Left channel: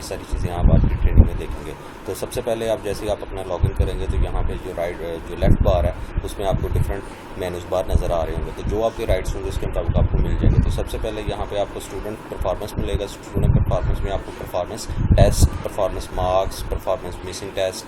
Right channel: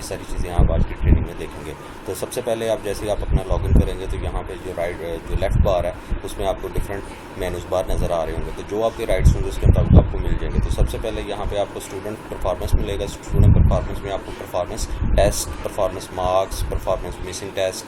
ये सारी चीज़ें आप आज की ट्रेनिंग में देखेंगे। तो सबसे पहले आप जैसे ही आप अपना लॉगिन करेंगे तो यहाँ पे जो लेफ़्ट बार है उसमें आपको डिफरेंट मेनूज़ बार नज़र आ रहे होंगे, तो जो आपके राइट्स होंगे उसके मुताबिक आपको मिल जाएंगे। तो सबसे पहले यहाँ पे आपको स्टूडेंट परफॉर्मेंस मिलेगा। स्टूडेंट परफॉर्मेंस में आपको performance test, performance marks, performance missing test,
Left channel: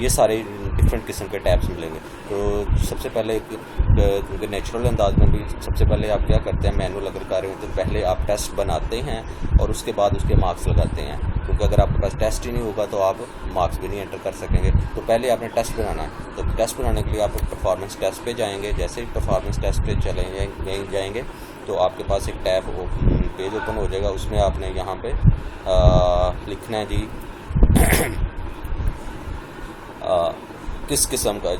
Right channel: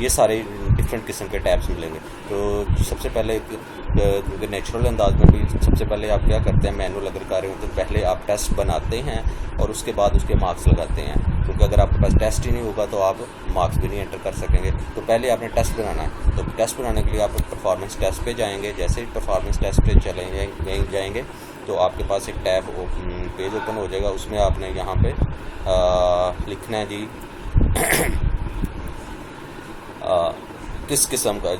ये सारे डिफरेंट किस्म के टैब्स मिलेंगे। तो सबसे पहले क्योंकि नेचुरल अंदाज में भी सबसे पहले आप क्या करते हैं, मैनुअल अगर कर रहे हो तो पहले आप टेस्ट बनाते हैं और उसके बाद उसके मार्क्स लगाते हैं, क्योंकि अगर आपके पास टेस्ट ही नहीं होगा तो आप मार्क्स भी नहीं एंटर कर सकेंगे। तो पहले आपने टेस्ट बनाना है। तो टेस्ट बनाने के लिए आप परफॉर्मेंस टेस्ट पे जाएंगे। जैसे ही परफॉर्मेंस टेस्ट पे चले जाएंगे तो आपके पास एक टैब पेज ओपन हो जाएगा। उसमें आपने यहाँ पे लिखना है जी किस किस्म का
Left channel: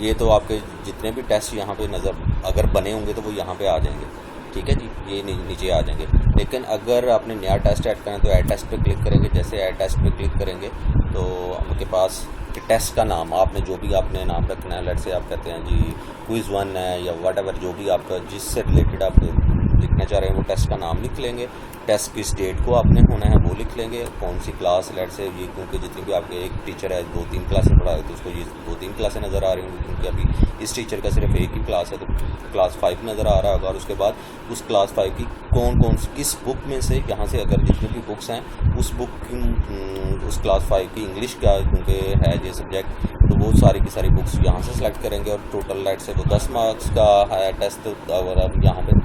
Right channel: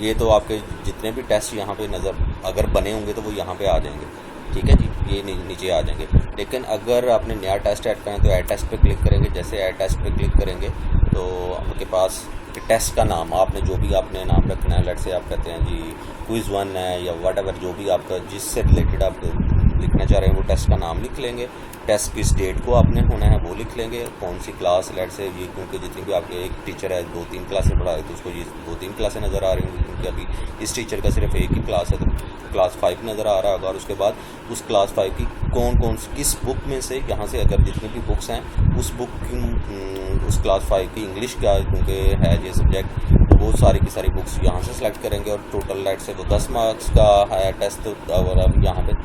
ये तो आपके जितने भी टेस्ट यहाँ पे नज़र अगर बने होंगे तो वो यहाँ पे आ जाएंगे, ठीक है जी, ये नीचे आ जाएंगे। लेकिन अगर आपने नया टेस्ट ऐड करना है तो ऐड टेस्ट पे क्लिक करेंगे। जैसे ऐड टेस्ट पे क्लिक करेंगे तो आपके पास टेस्ट का नाम आपने जो भी आपने नाम रखना है, लेट से आप कहते हैं जी क्विज़ 1 है या वट एवर, जो भी आपका जिससे रिलेटेड आप लिखना चाह रहे हैं वो टेस्ट का नाम लिख लेंगे। टेस्ट किस डेट को आपने होना है वो लिख लेंगे, कौन सी क्लास, लेट से ये, क्योंकि जितनी भी आपके एक टीचर है 2-3 क्लासें पढ़ा रहे तो उसको ये 2-3 क्लासें नज़र आ रही होंगी, क्योंकि अभी इस टीचर का सिर्फ एक ही क्लास है तो क्लास 5 नज़र आ रहा होगा। और उसके बाद उस क्लास 5 की कौन किस बुक में से, यहाँ से अगर जितनी भी बुक्स हैं उस बुक की उस क्लास 5 की इंग्लिश का क्योंकि है ये सब्जेक्ट, तो वो सारी की सारी बुक्स यहाँ से सेलेक्ट करेंगे। और टोटल लेट से वो 10 मार्क्स का है टेस्ट, तो अगर आप यहाँ पे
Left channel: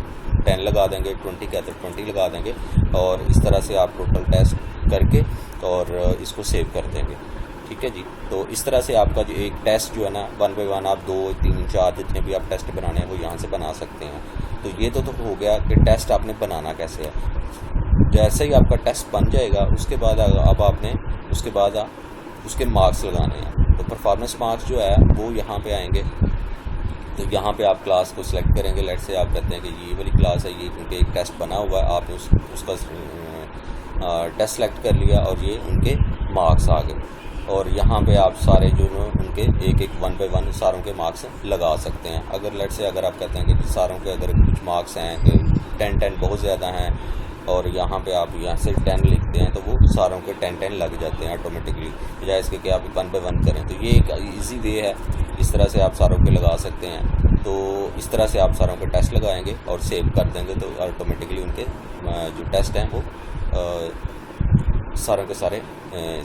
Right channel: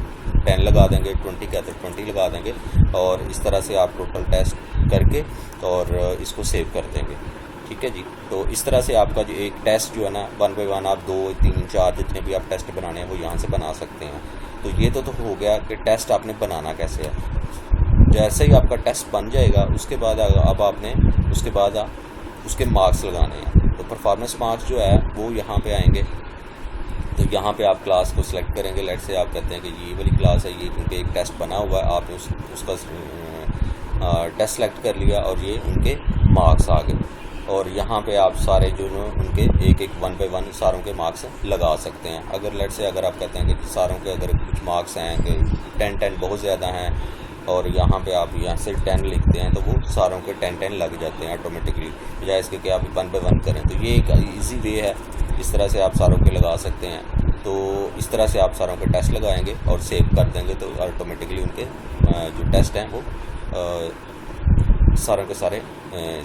10 लगा देंगे, 20 का तो 20 लगा देंगे। और इस तरह से आप टोटल टेस्ट करके और इसको सेव कर देंगे, ठीक है जी। तो इस तरह से आपका जो एक टेस्ट जो है ना 1 बाय 1 आप 2, 3, 4 जितने भी आप टेस्ट बनाने हैं वो यहाँ से बना सकते हैं। तो ये तो हो गया कि टेस्ट आपने बनाना कैसे है। जैसे ही आपका टेस्ट बन जाएगा उसके बाद अब आपने उसके मार्क्स लगाने हैं। तो परफॉर्मेंस मार्क्स जो है वो यहाँ पे आएंगे। तो यहाँ पे आप क्लास को सिलेक्ट करेंगे। लेट से आप कहते हैं कि ये वाली क्लास है, ये क्योंकि एक टेस्ट बना हुआ है, आपने उसका टेस्ट सेलेक्ट कर लिया और ये उनके मार्क्स आ गए। और यहाँ पे आप सारे जो उनके एक 1 बाय 1 सारों के मार्क्स लगा सकते हैं। अगर लेट से अगर आप कहते हैं कि सारों के अगर कुछ मार्क्स हैं कि 10 बहुत ज़्यादा हैं और यहाँ पे आप यहाँ से 10 लिखते हैं तो वो सारों के 10 लग जाते हैं ऑटोमेटिकली, बजाय इसके कि आप 1 बाय 1 करें। तो ये एक ईजी वे है, इस तरह से आप सारों के लगा सकते हैं। तो इस तरह से आप सारों के टेस्ट लगाएंगे और सेव कर देंगे तो ऑटोमेटिकली उनके जो टेस्ट हैं वो सारे के सारे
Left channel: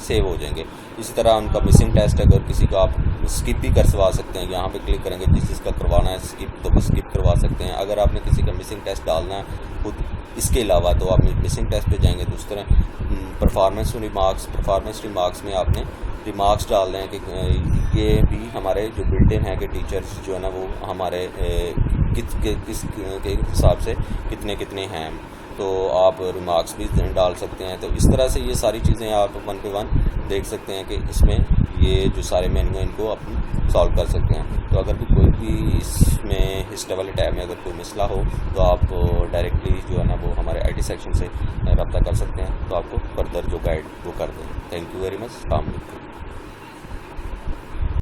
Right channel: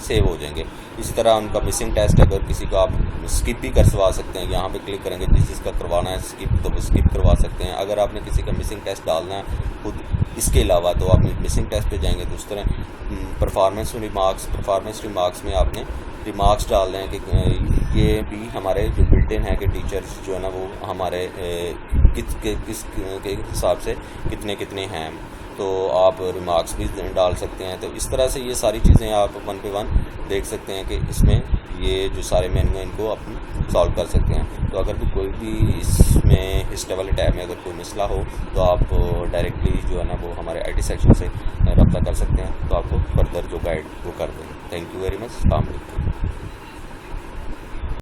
सेव हो जाएंगे। इसी तरह उनका मिसिंग टेस्ट अगर किसी को आप स्किप भी करवा सकते हैं, यहाँ पे क्लिक करेंगे, जिसका करवाना है स्किप तो स्किप करवा सकते हैं। अगर आपने किसी का मिसिंग टेस्ट डालना है खुद इसके अलावा तो आप मिसिंग टेस्ट पे जाएंगे। तो उस तरह परफॉर्मेंस रिमार्क्स में आपने रिमार्क्स डाल दें कि ये भी हमारे जो बिल्ट इन है कि टीचर्स जो है ना वो हमारे किस के हिसाब से कितने हैं, तो आप रिमार्क्स भी डाल सकते हैं। तो इस तरह से ये सारी चीज़ें आप 1 बाय 1 देख सकते हैं कि इसमें ये जो सारे मेन्यू हैं इनको आप सॉल्व कर सकते हैं। तो अगर भी कोई भी इसमें हिस्ट्री वाले टैब में अगर कोई मसला हो तो आप डायरेक्टली जो है ना वो हमारे IT सेक्शन से रब्ता कर सकते हैं, तो आपको फर्दर जो गाइड वो कर दें। Thank you very much. अस्सलाम वालेकुम।